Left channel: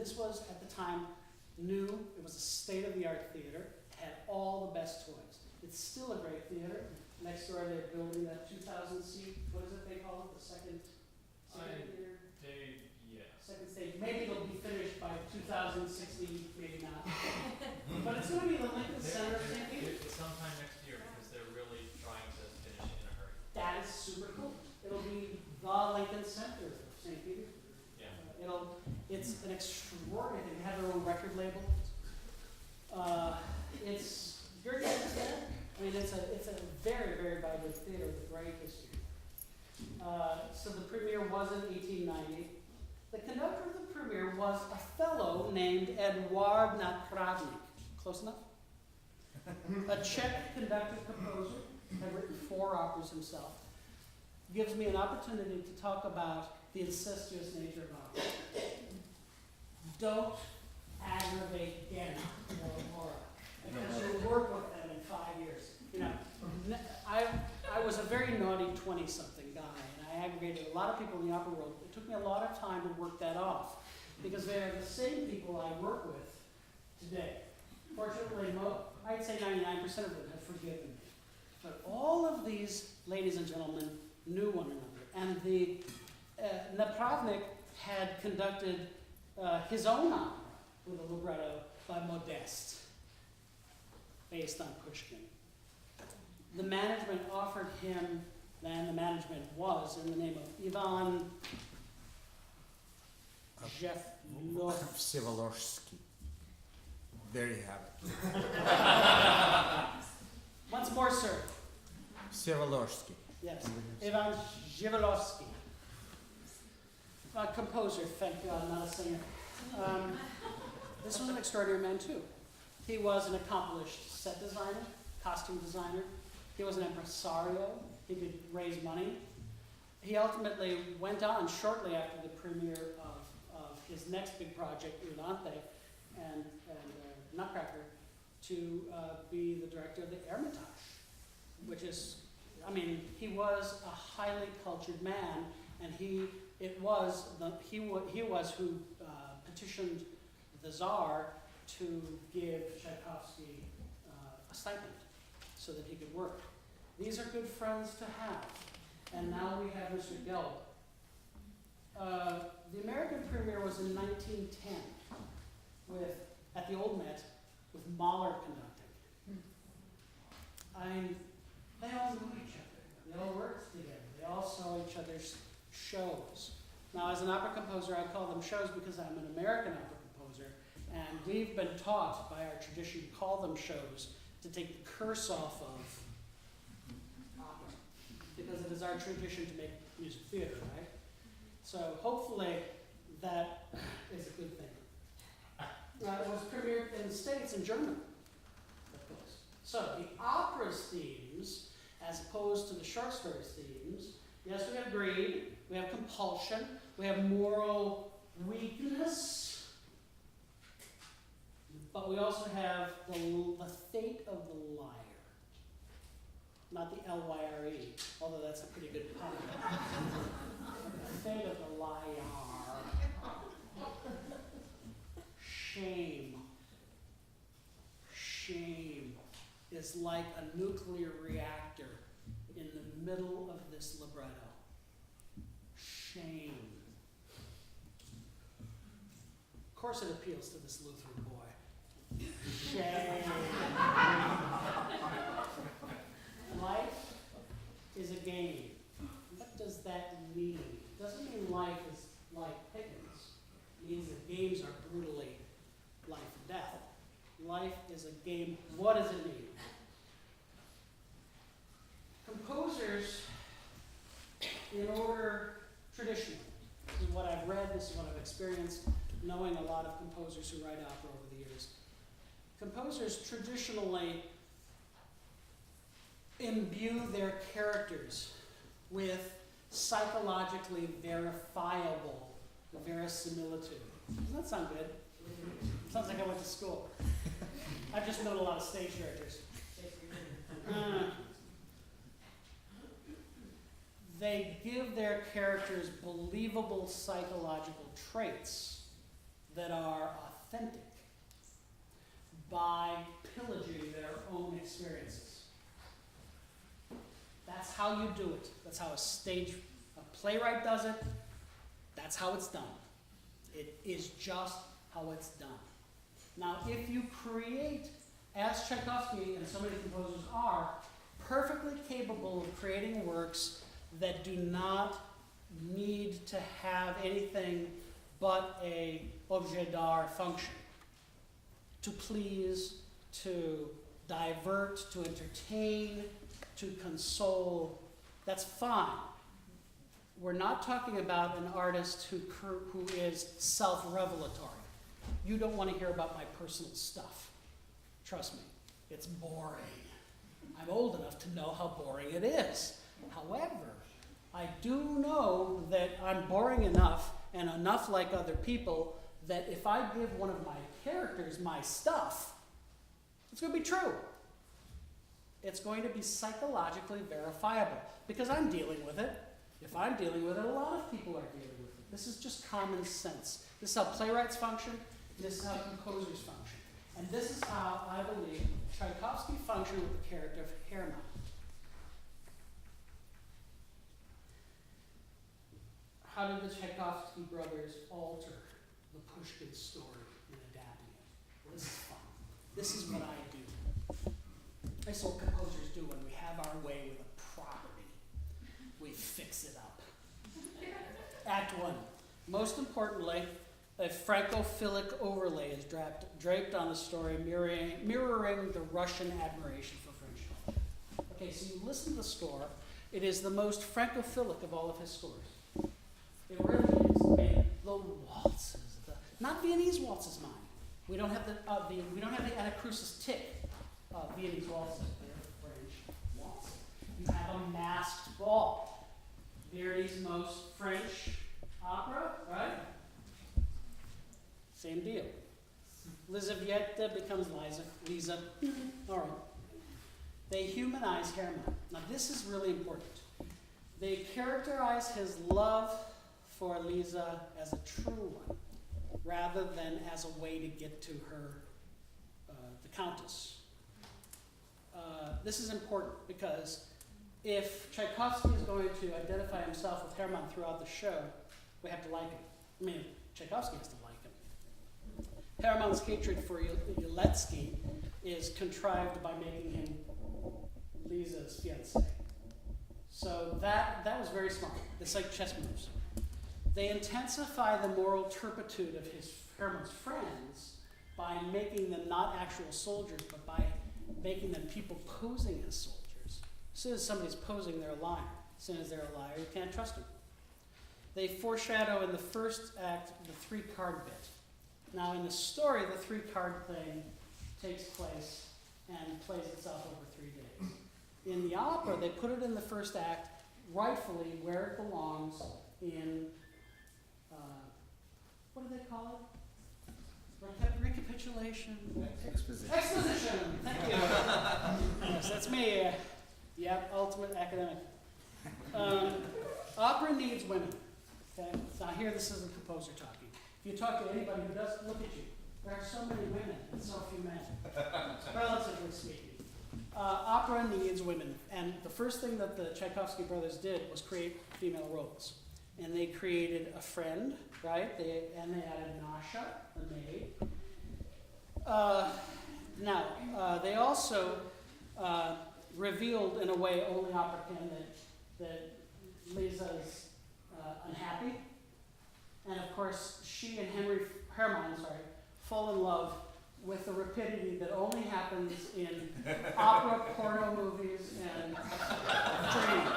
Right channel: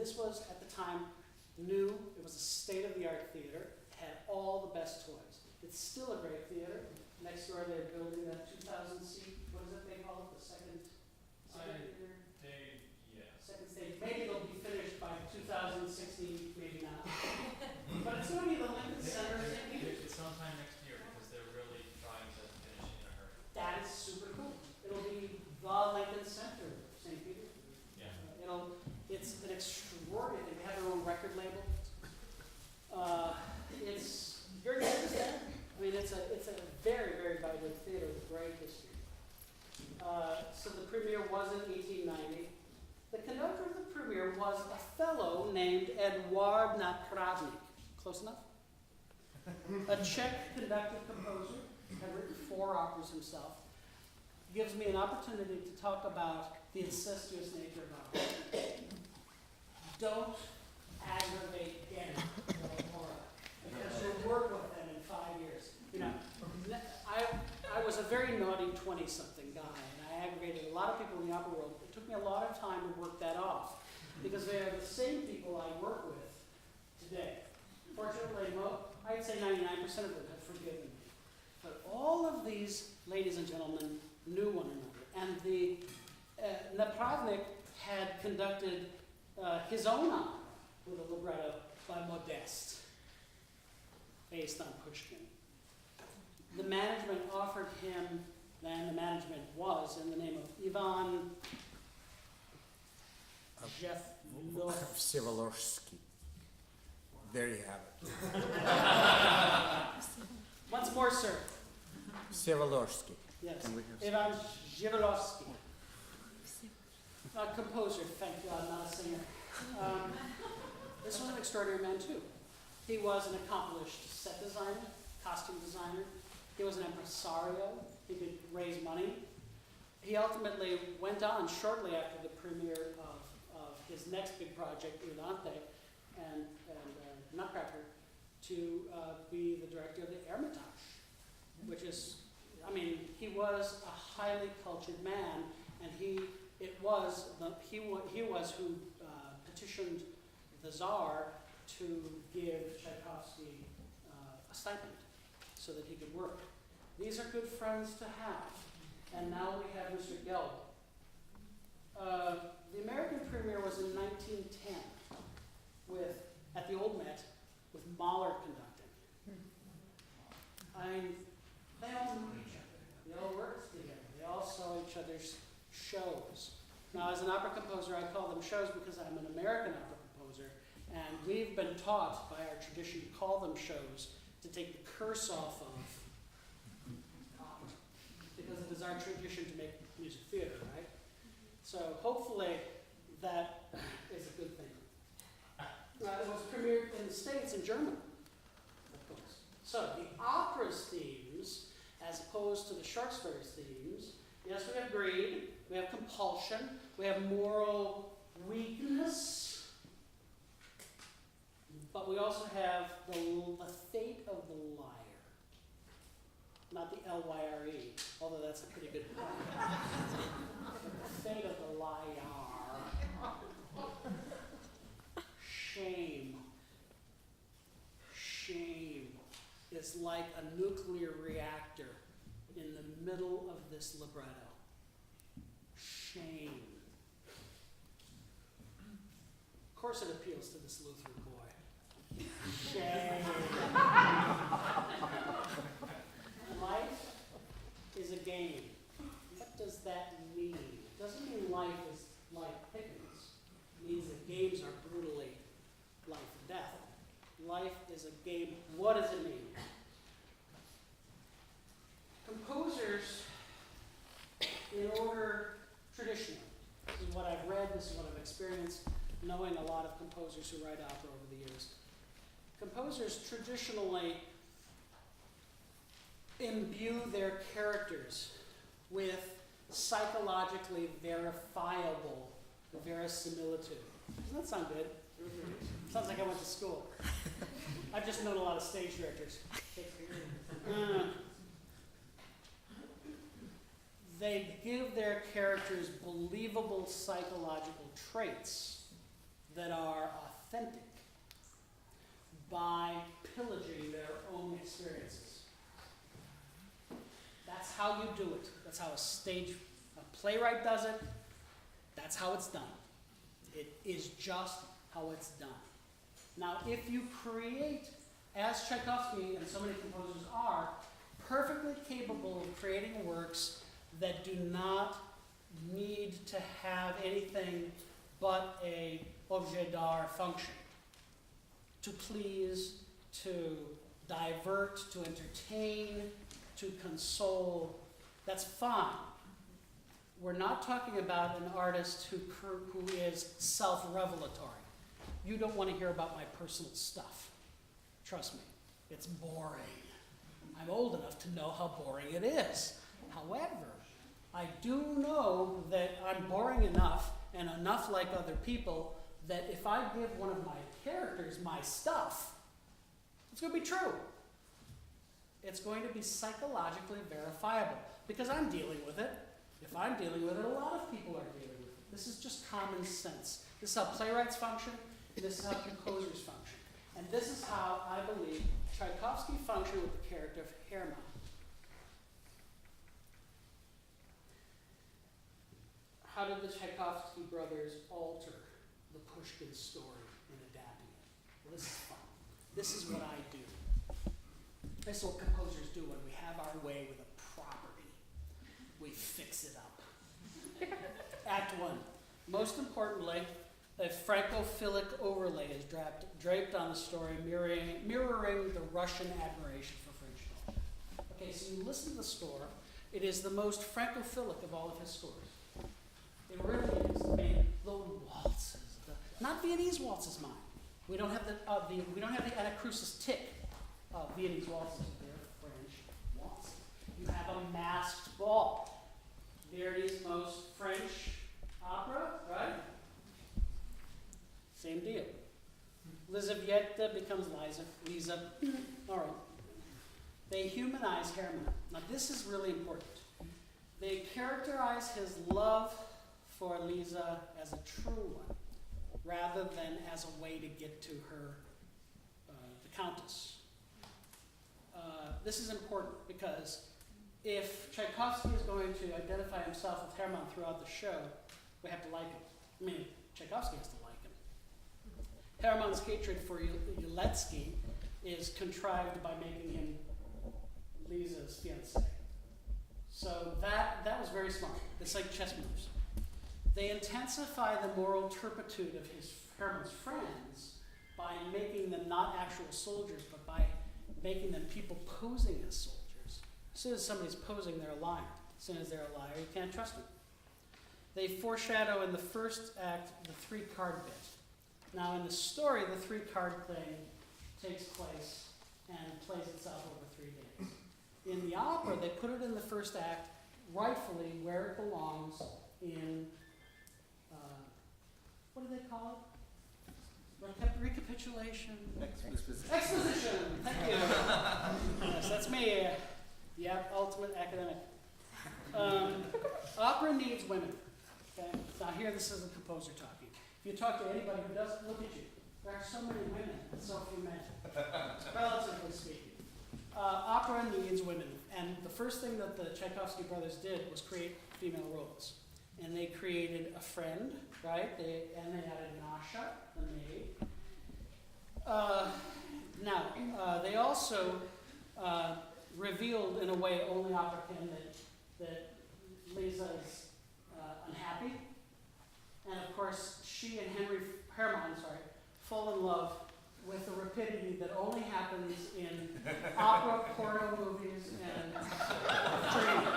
this was, at the time, new. It was a state-of-the-art theater. It had all the best toys. It's still a great theater. Next door, they're building that 2,000-seat, what is it they call it, the second theater? Second stage. Maybe it'll be finished by 2016, maybe not. But it's going to be the Lincoln Center of St. Peter. It's sometime next year because they're really trying to finish in a hurry. That is super cool. It'll be the Lincoln Center of St. Peter. Yeah. It's an extraordinary thing. They have their own record label. Your guess is that? I mean, it's a very, very vibrant theater with great history. So the premiere was in 1890. The conductor of the premiere was a fellow named Eduard Napravnik. Close enough? A Czech conductor-composer, had written 4 operas himself. Gives me an opportunity to talk about the incestuous nature of opera. Don't aggravate Ghena or Laura, because you'll work with them in 5 years. You know, I was a very naughty 20-something guy, and I aggravated a lot of people in the opera world. It took me a lot of time to work that off, because they are the same people I work with today. Fortunately, I'd say 99% of them have forgiven me. But all of these ladies and gentlemen knew one another, and the Napravnik had conducted his own opera with a libretto by Modeste, based on Pushkin. The management offered him, and the management was in the name of Ivan Vsevolozhsky. There you have it. Once more, sir. Vsevolozhsky. Yes, Ivan Vsevolozhsky. A composer, thank God, not a singer. This was an extraordinary man, too. He was an accomplished set designer, costume designer. He was an impresario. He could raise money. He ultimately went on shortly after the premiere of his next big project, Irlande and Nutcracker, to be the director of the Hermitage, which is, I mean, he was a highly cultured man, and he was who petitioned the Tsar to give Tchaikovsky a stipend so that he could work. These are good friends to have. And now we have Mr. Gelb. The American premiere was in 1910 at the Old Met with Mahler conducting. They all knew each other. They all worked together. They all saw each other's shows. Now, as an opera composer, I call them shows because I'm an American opera composer, and we've been taught by our tradition to call them shows to take the curse off of opera, because it is our tradition to make music theater, right? So hopefully that is a good thing. It was premiered in the States in German, of course. So the opera's themes, as opposed to the short stories themes, yes, we have greed, we have compulsion, we have moral weakness, but we also have the fate of the liar. Not the L-Y-R-E, although that's a pretty good pun. The fate of the liar. Shame. Shame is like a nuclear reactor in the middle of this libretto. Shame. Of course it appeals to this Lutheran boy. Shame. Life is a game. What does that mean? It doesn't mean life is like Pickens. It means that games are brutally life and death. Life is a game. What does it mean? Composers, in order, traditionally, this is what I've read, this is what I've experienced, knowing a lot of composers who write opera over the years. Composers traditionally imbue their characters with psychologically verifiable verisimilitude. Doesn't that sound good? Sounds like I went to school. I've just known a lot of stage directors. They give their characters believable psychological traits that are authentic by pillaging their own experiences. That's how you do it. That's how a playwright does it. That's how it's done. It is just how it's done. Now, if you create, as Tchaikovsky and so many composers are, perfectly capable of creating works that do not need to have anything but a objet d'art function, to please, to divert, to entertain, to console, that's fine. We're not talking about an artist who is self-revelatory. You don't want to hear about my personal stuff. Trust me, it's boring. I'm old enough to know how boring it is. However, I do know that I'm boring enough and enough like other people that if I give one of my characters my stuff, it's going to be true. It's going to be psychologically verifiable because I'm dealing with it. If I'm dealing with it, a lot of people are dealing with it. This is just common sense. This is how playwrights function, and this is how composers function. And this is how I believe Tchaikovsky functioned with the character of Hermann. How did the Tchaikovsky brothers alter the Pushkin story in adapting it? Well, this is fun. This is what I do. This is what composers do when we have our way with a property. We fix it up. Act 1. Most importantly, a francophilic overlay is draped on the story, mirroring the Russian admiration for French culture. Okay, so you listen to the score. It is the most francophilic of all of his scores. It really is. I mean, the waltzes, not Viennese waltzes, mind. We don't have the Anacrusis tick of Viennese waltzes. They're French waltzes. You have a masked ball. Verdi's most French opera, right? Same deal. Lizaveta becomes Lisa. All right. They humanize Hermann. Now this is really important. They characterize his love for Lisa as a true one, rather than as a way to get to her, the Countess. This is important because if Tchaikovsky is going to identify himself with Hermann throughout the show, we have to like him. I mean, Tchaikovsky has to like him. Hermann's hatred for Yeletsky is contrived by making him Lisa's fiancé. So that was very smart. It's like chess moves. They intensify the moral turpitude of Hermann's friends by making them not actual soldiers, but by making them people posing as soldiers. As soon as somebody's posing, they're a liar. As soon as they're a liar, you can't trust them. They foreshadow in the first act the 3-card bit. Now in the story, the 3-card thing takes place and plays itself over 3 days. In the opera, they put it in the first act, rightfully where it belongs in, what do they call it? Recapitulation? Exposition. Exposition! Thank you. Yes, that's me. Yep, ultimate academic. Opera needs women. Okay? Now here, this is a composer talking. If you talk to anybody who doesn't look at you, there are so many women and so few men, relatively speaking. Opera needs women. And the first thing that the Tchaikovsky brothers did was create female roles. And they created a friend, right? They added Nasha, the maid. They also revealed in a way only opera can that Lisa's unhappy. And of course, she and Hermann fall in love with the rapidity that only happens in opera, porno movies, and dreams.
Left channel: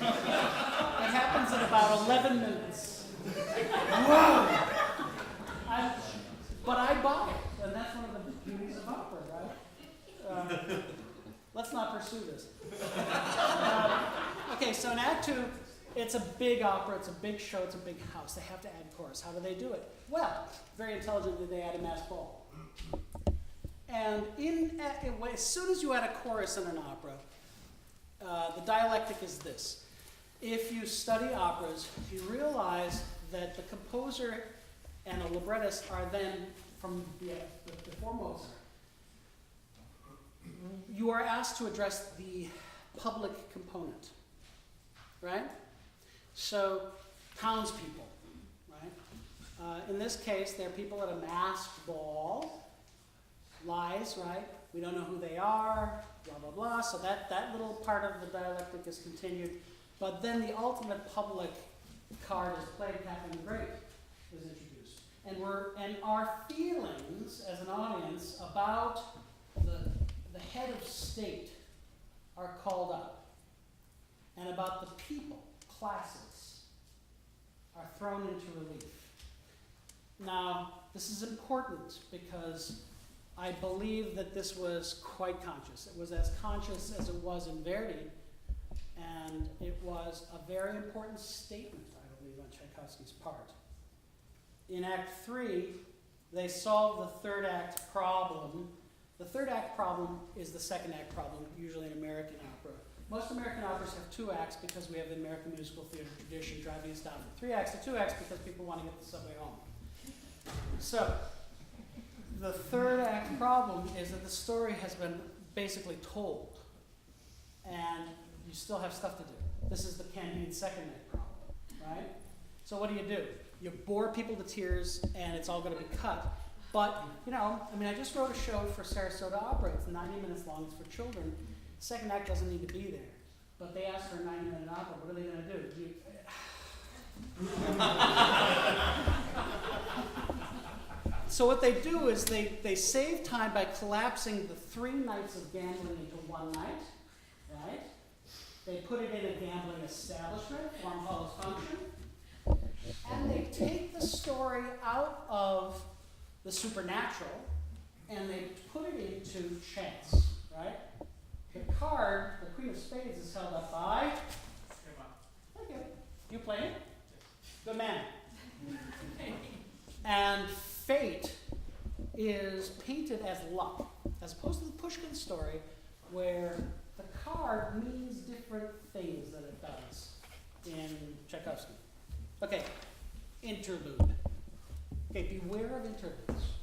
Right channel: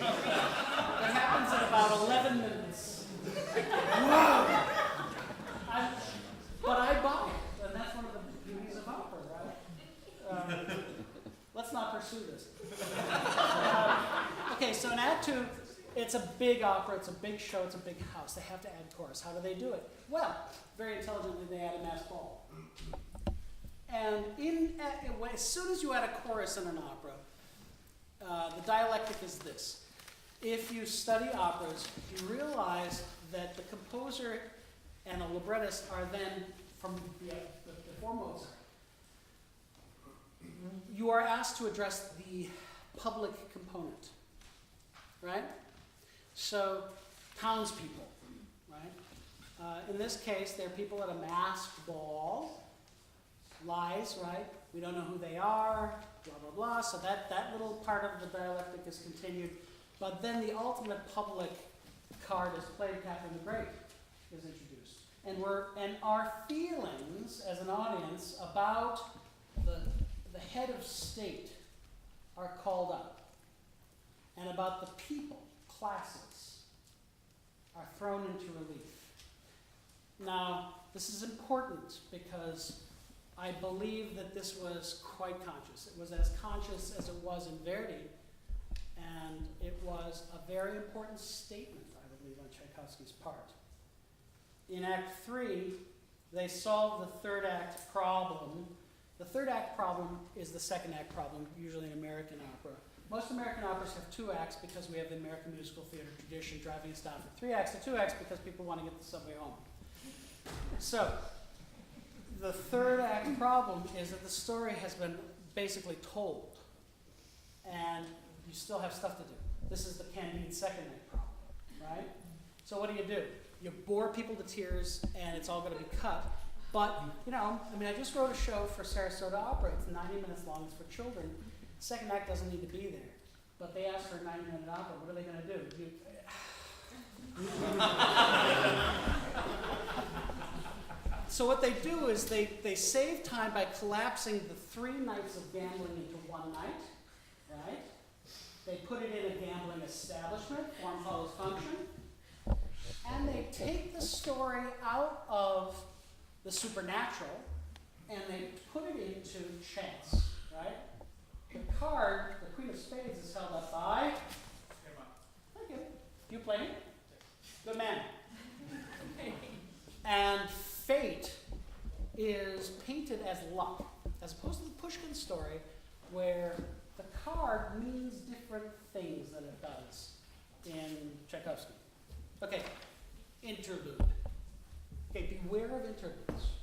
It happens in about 11 minutes. Whoa! But I buy it, and that's one of the beauties of opera, right? Let's not pursue this. Okay, so in Act 2, it's a big opera, it's a big show, it's a big house. They have to add chorus. How do they do it? Well, very intelligently, they add a masked ball. And as soon as you add a chorus in an opera, the dialectic is this. If you study operas, you realize that the composer and a librettist are then from before Mozart. You are asked to address the public component, right? So, townspeople, right? In this case, they're people at a masked ball. Lies, right? We don't know who they are, blah, blah, blah. So that little part of the dialectic is continued. But then the ultimate public card is played, Catherine the Great is introduced. And our feelings as an audience about the head of state are called up. And about the people, classes, are thrown into relief. Now, this is important because I believe that this was quite conscious. It was as conscious as it was in Verdi, and it was a very important statement, I believe, on Tchaikovsky's part. In Act 3, they solved the third act problem. The third act problem is the second act problem, usually in American opera. Most American operas have 2 acts because we have the American musical theater tradition driving us down from 3 acts to 2 acts because people want to get the subway home. So, the third act problem is that the story has been basically told, and you still have stuff to do. This is the Candide second act problem, right? So what do? You bore people to tears, and it's all going to be cut. But, I just wrote a show for Sarasota Opera. It's 90 minutes long. It's for children. Second act doesn't need to be there. But they asked for a 90-minute opera. What are they going to do? So what they do is they save time by collapsing the 3 nights of gambling into one night, right? They put it in a gambling establishment, form follows function, and they take the story out of the supernatural and they put it into chance, right? The card, the Queen of Spades, is held up by. Thank you. You play it? Good man. And fate is painted as luck, as opposed to the Pushkin story, where the card means different things than it does in Tchaikovsky. Okay, interlude. Okay, beware of interludes.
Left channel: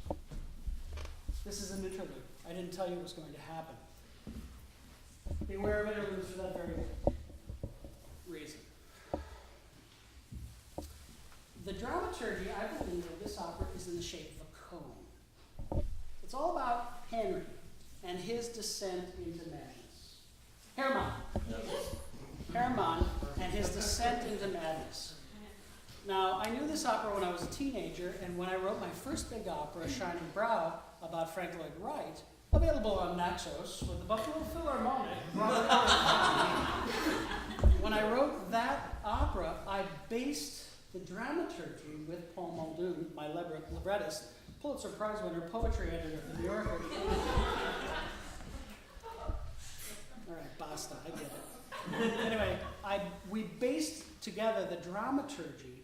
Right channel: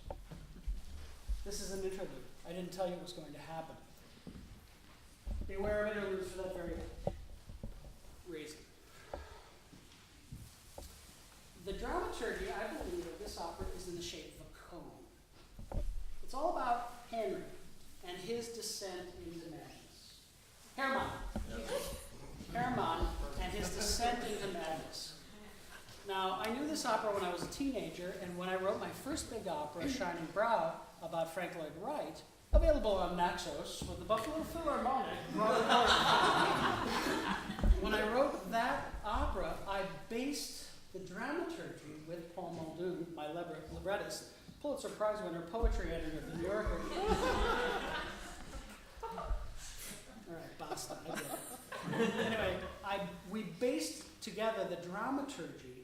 This is an interlude. I didn't tell you it was going to happen. Beware of interludes for that very reason. The dramaturgy, I believe, of this opera is in the shape of a cone. It's all about Henry and his descent into madness. Hermann. Hermann and his descent into madness. Now, I knew this opera when I was a teenager, and when I wrote my first big opera, Shining Brow, about Frank Lloyd Wright, available on Naxos with the Buffalo Philharmonic, when I wrote that opera, I based the dramaturgy with Paul Muldoon, my librettist, Pulitzer Prize winner, poetry editor of the New Yorker. All right, basta, I get it. Anyway, we based together the dramaturgy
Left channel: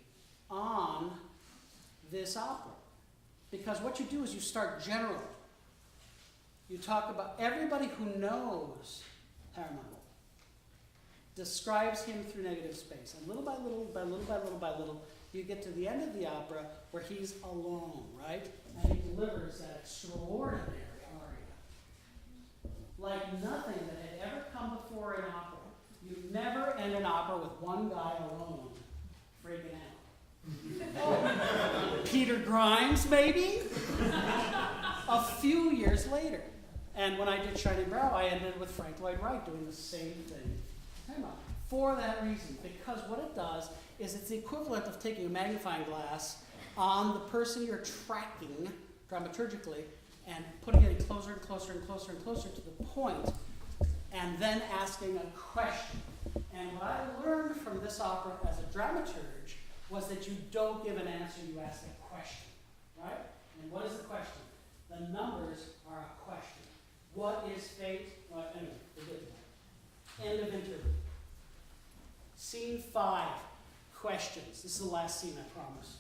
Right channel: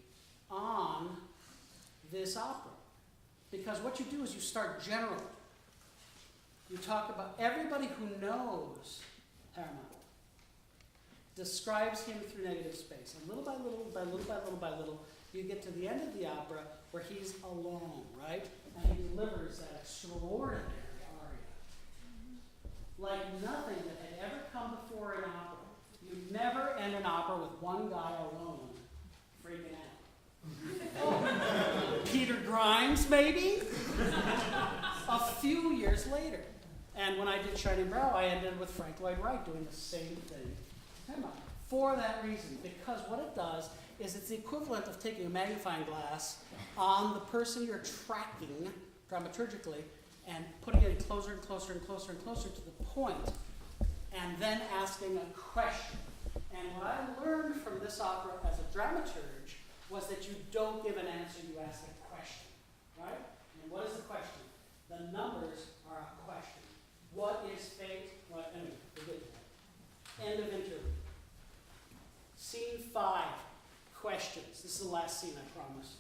on this opera. Because what you do is you start generally. You talk about everybody who knows Hermann describes him through negative space. And little by little, by little by little by little, you get to the end of the opera where he's alone, right? And he delivers that extraordinary aria. Like nothing that had ever come before in opera. You never end an opera with one guy alone freaking out. Oh, Peter Grimes, maybe? A few years later. And when I did Shining Brow, I ended with Frank Lloyd Wright doing the same thing. For that reason, because what it does is it's the equivalent of taking a magnifying glass on the person you're tracking dramaturgically and putting it closer and closer and closer and closer to the point, and then asking a question. And what I learned from this opera as a dramaturge was that you don't give an answer, you ask a question, right? And what is the question? The numbers are a question. What is fate? Well, anyway, we'll get to that. End of interlude. Scene 5, questions. This is the last scene, I promise.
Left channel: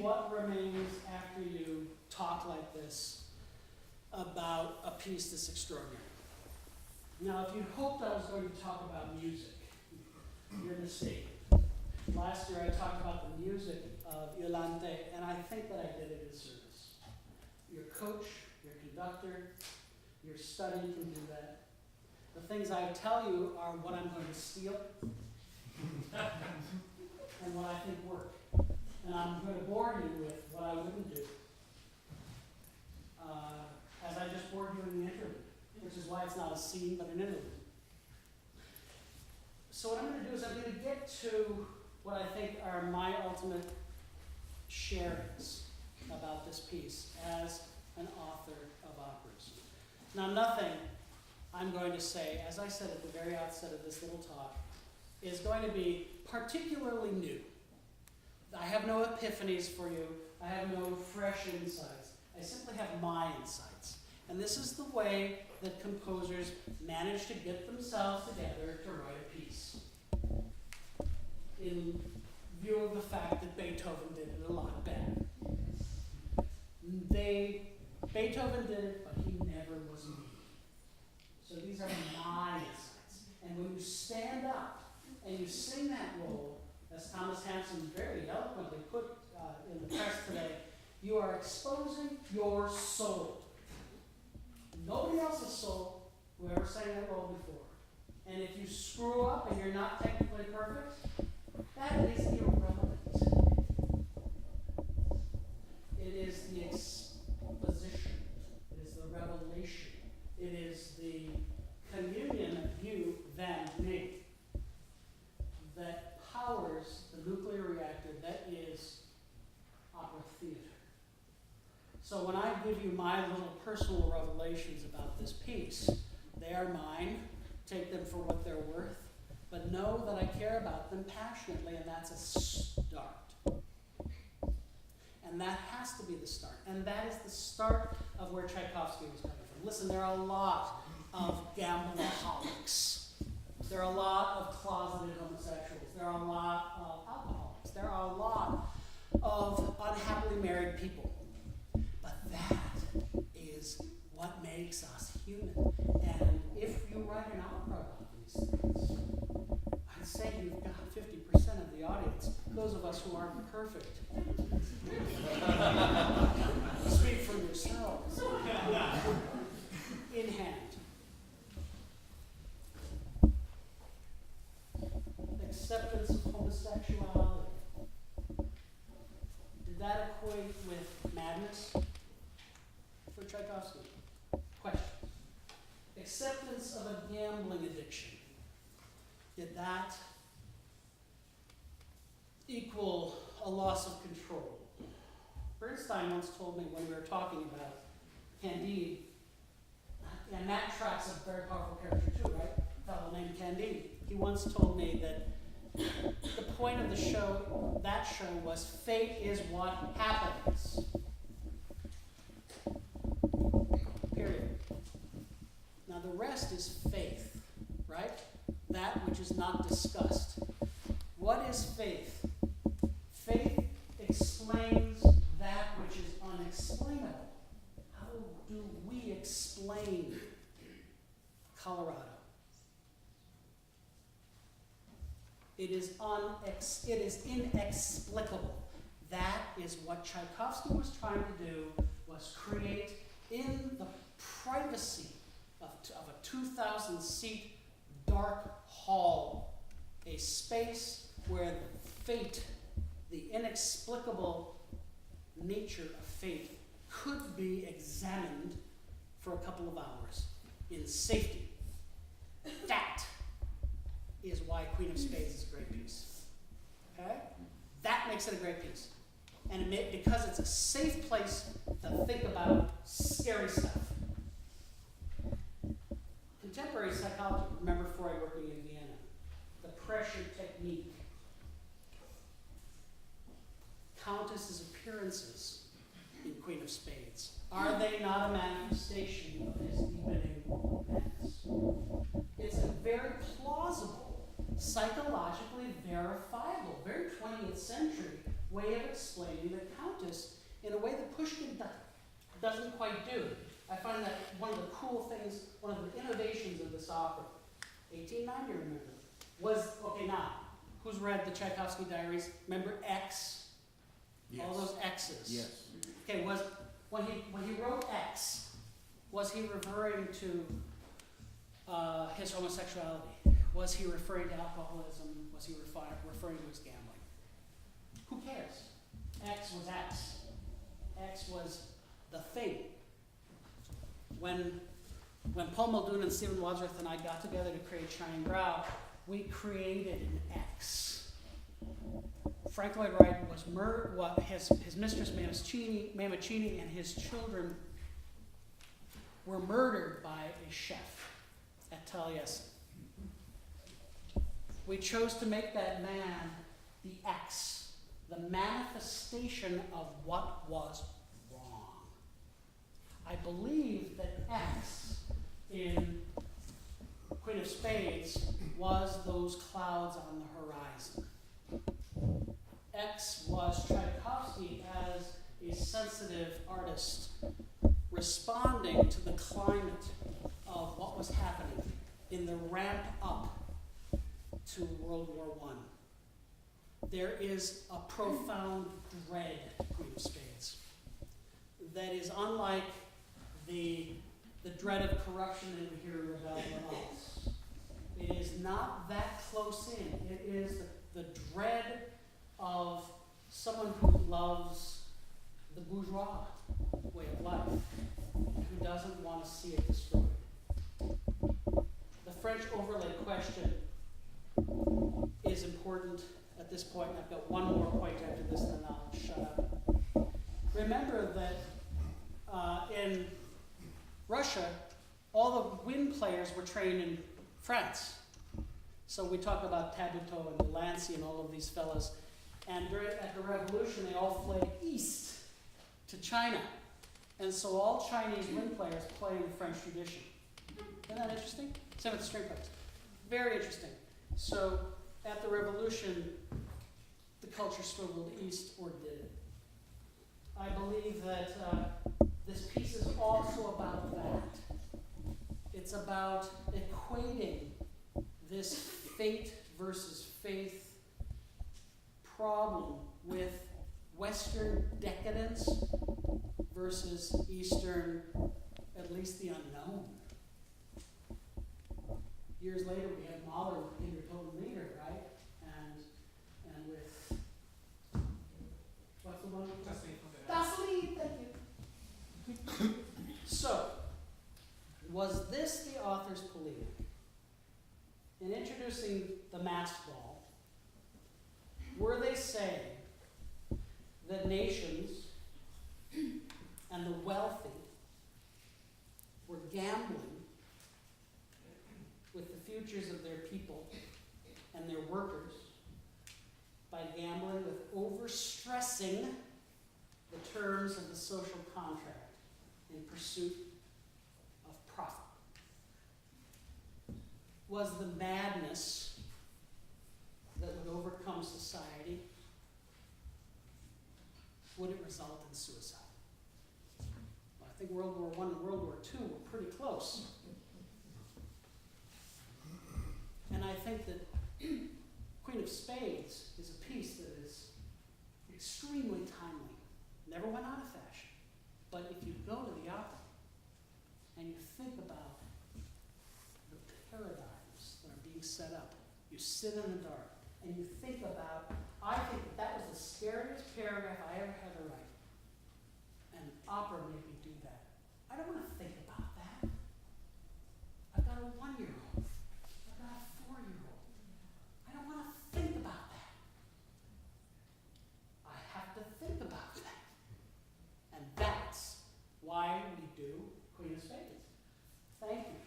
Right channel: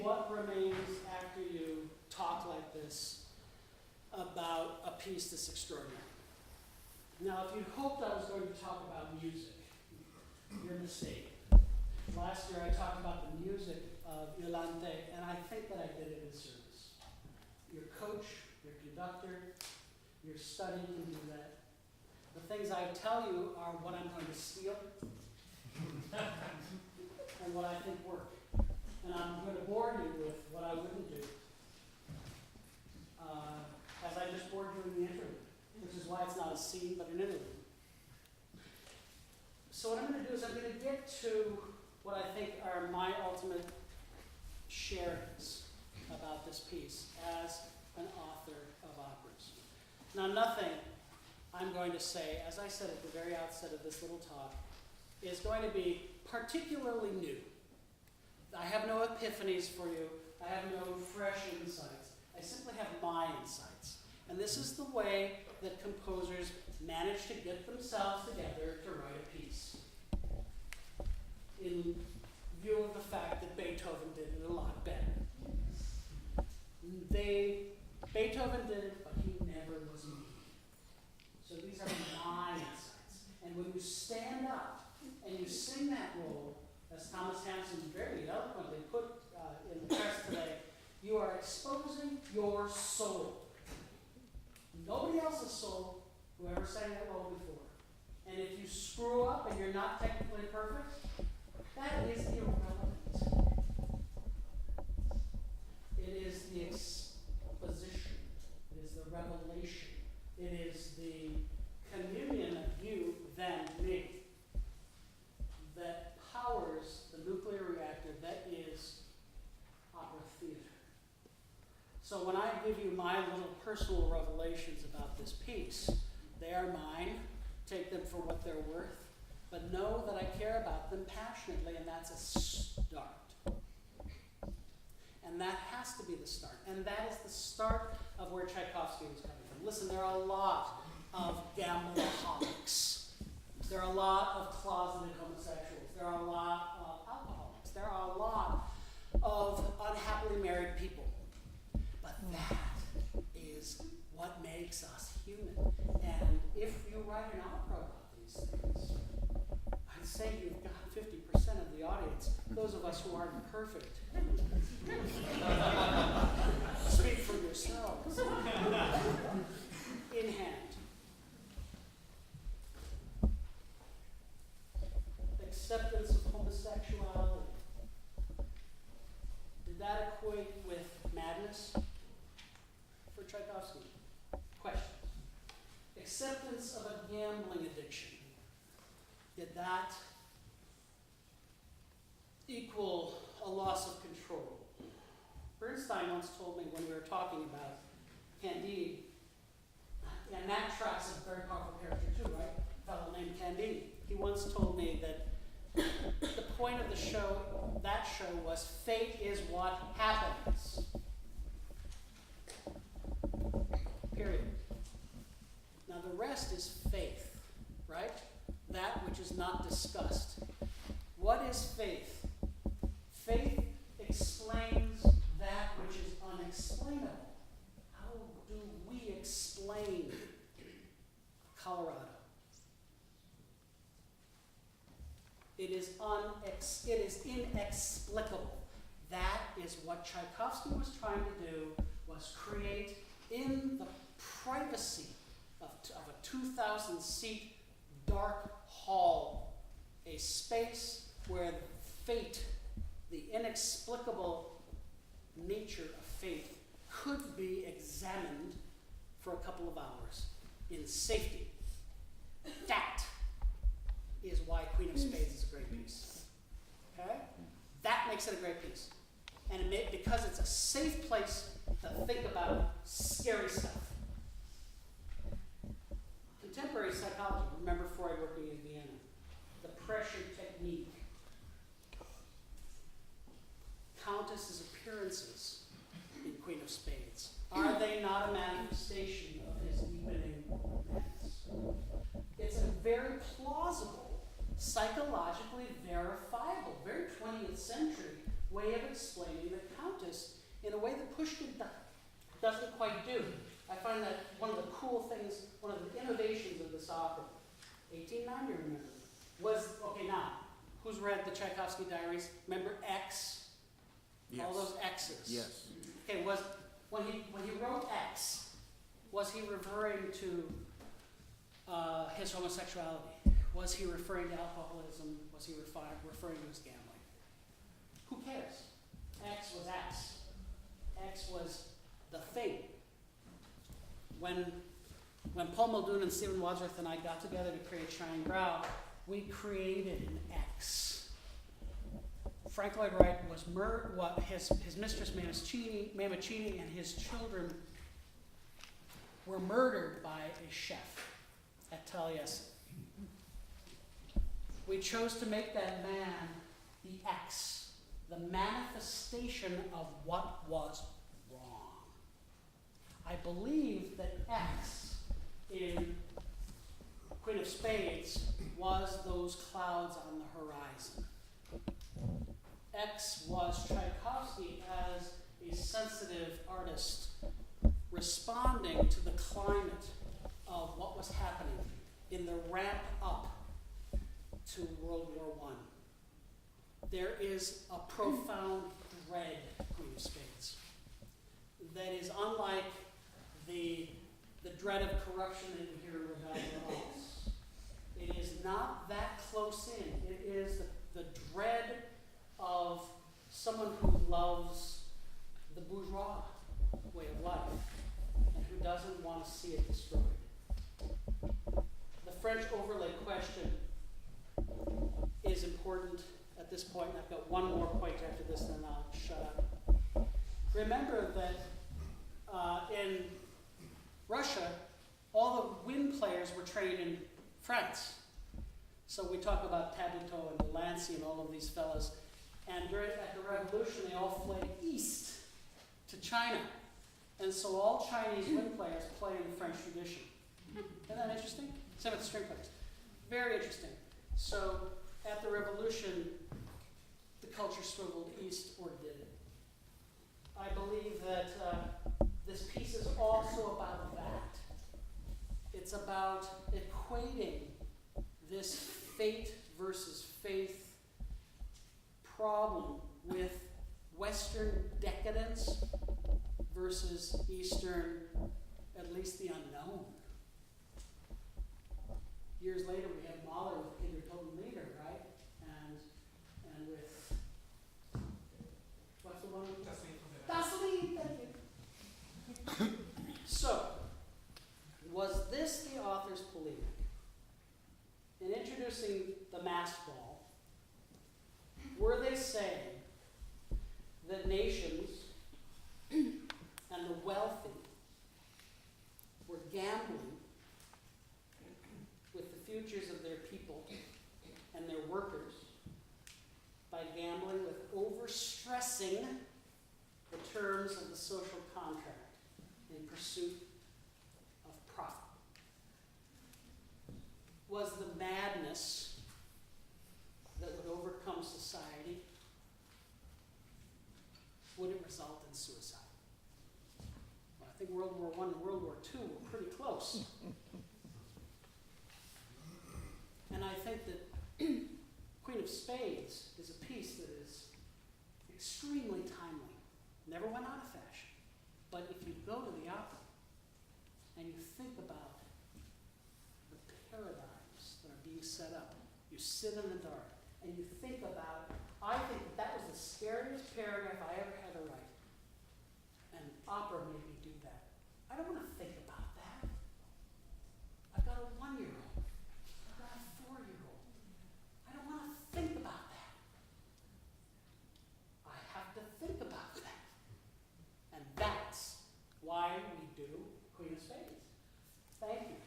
What remains after you talk like this about a piece this extraordinary? Now, if you hoped I was going to talk about music, you're mistaken. Last year I talked about the music of Iolante, and I conductor. Your study can do that. The things I tell you are what I'm going to steal and what I think work. And I'm going to bore you with what I wouldn't do. As I just bored you in the interlude, which is why it's not a scene but an interlude. So what I'm going to do is I'm going to get to what I think are my ultimate sharings about this piece as an author of operas. Now, nothing I'm going to say, as I said at the very outset of this little talk, is going to be particularly new. I have no epiphanies for you. I have no fresh insights. I simply have my insights. And this is the way that composers manage to get themselves together to write a piece. In view of the fact that Beethoven did it a lot better. Beethoven did it, but he never was me. So these are my insights. And when you stand up and you sing that role, as Thomas Hansen very eloquently put in the press today, you are exposing your soul. Nobody else's soul, whoever sang that role before. And if you screw up and you're not technically perfect, that is irrelevant. It is the exposition. It is the revelation. It is the communion of you, them, me, that powers the nuclear reactor that is opera theater. So when I give you my little personal revelations about this piece, they are mine. Take them for what they're worth. But know that I care about them passionately, and that's a start. And that has to be the start. And that is the start of where Tchaikovsky was coming from. Listen, there are a lot of gambleaholics. There are a lot of closeted homosexuals. There are a lot of alcoholics. There are a lot of unhappily married people. But that is what makes us human. And if you write an opera about these things, I'd say you've got 50% of the audience, those of us who aren't perfect. Speak for yourselves. In hand. Acceptance of homosexuality. Did that equate with madness for Tchaikovsky? Questions. Acceptance of a gambling addiction. Did that equal a loss of control? Bernstein once told me when we were talking about Candide, and that tracks a very powerful character too, right? A fellow named Candide. He once told me that the point of the show, that show, was fate is what happens. Period. Now the rest is faith, right? That which is not discussed. What is faith? Faith explains that which is unexplainable. How do we explain Colorado? It is inexplicable. That is what Tchaikovsky was trying to do, was create in the privacy of a 2,000-seat dark hall, a space where fate, the inexplicable nature of fate, could be examined for a couple of hours in safety. That is why Queen of Spades is a great piece. Okay? That makes it a great piece. And because it's a safe place to think about scary stuff. Contemporary psychology, remember Freud working in Vienna, the pressure technique. Countess's appearances in Queen of Spades, are they not a manifestation of his deepening madness? It's a very plausible, psychologically verifiable, very 20th century way of explaining the Countess in a way that Pushkin doesn't quite do. I find that one of the cool things, one of the innovations of this opera, 1890, remember, was, okay, now, who's read the Tchaikovsky diaries? Remember X? Yes. All those X's. Yes. Okay, was when he wrote X, Was he referring to his homosexuality? Was he referring to alcoholism? Was he referring to his gambling? Who cares? X was X. X was the thing. When Paul Muldoon and Stephen Wadsworth and I got together to create Shining Brow, we created an X. Frank Lloyd Wright was his mistress Mammaccini and his children were murdered by a chef at Taliesin. We chose to make that man the X, the manifestation of what was wrong. I believe that X in Queen of Spades was those clouds on the horizon. X was Tchaikovsky as a sensitive artist responding to the climate of what was happening in the ramp up to World War I. There is a profound dread, Queen of Spades, that is unlike the dread of corruption that we hear in Rebellion. It is not that close in. It is the dread of someone who loves the bourgeois way of life and who doesn't want to see it destroyed. The French overlay question is important at this point, and I've got one more point after this, and then I'll shut up. Remember that in Russia, all the wind players were trained in France. So we talk about Tabuteau and Delancey and all of these fellas. And at the revolution, they all fled east to China. And so all Chinese wind players play in the French tradition. Isn't that interesting? Same with the string players. Very interesting. So at the revolution, the culture swiveled east, or did it? I believe that this piece is also about that. It's about equating this fate versus faith problem with Western decadence versus Eastern, at least the unknown. Years later, we had Mahler with Kinder Toten Lieder, right? And with, what's the one? Das Lied, thank you. So, was this the author's polemic? In introducing the masked ball, were they saying that nations and the wealthy were gambling with the futures of their people and their workers by gambling with overstressing the terms of the social contract in pursuit of profit? Was the madness that would overcome society, would it result in suicide? Well, I think World War I and World War II were pretty close. And I think that Queen of Spades is a piece that is extremely timely. Never went out of fashion. But if you go to the opera and you think about the paradigms that are being set up, you sit in the dark and you think about, I think that was the scariest paragraph I ever had to write. And opera made me do that. I don't want to think about that. I've got a 1-year-old. I've got a 4-year-old. I don't want to think about that. I have to think about that. And that's why we do Queen of Spades. Thank you.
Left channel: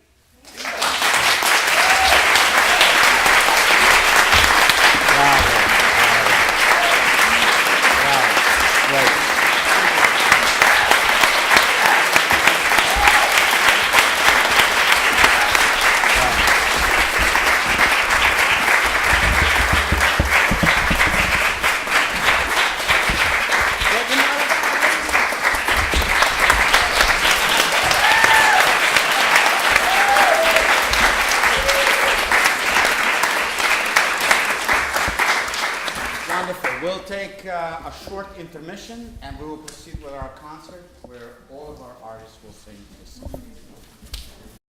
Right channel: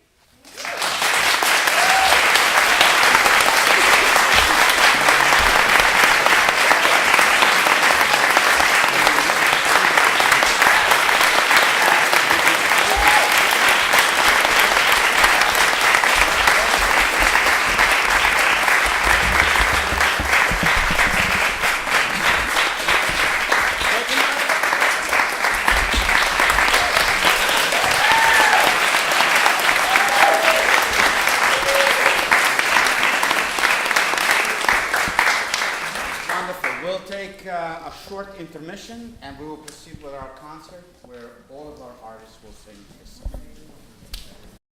take a short intermission, and we will proceed with our concert, where all of our artists will sing this song.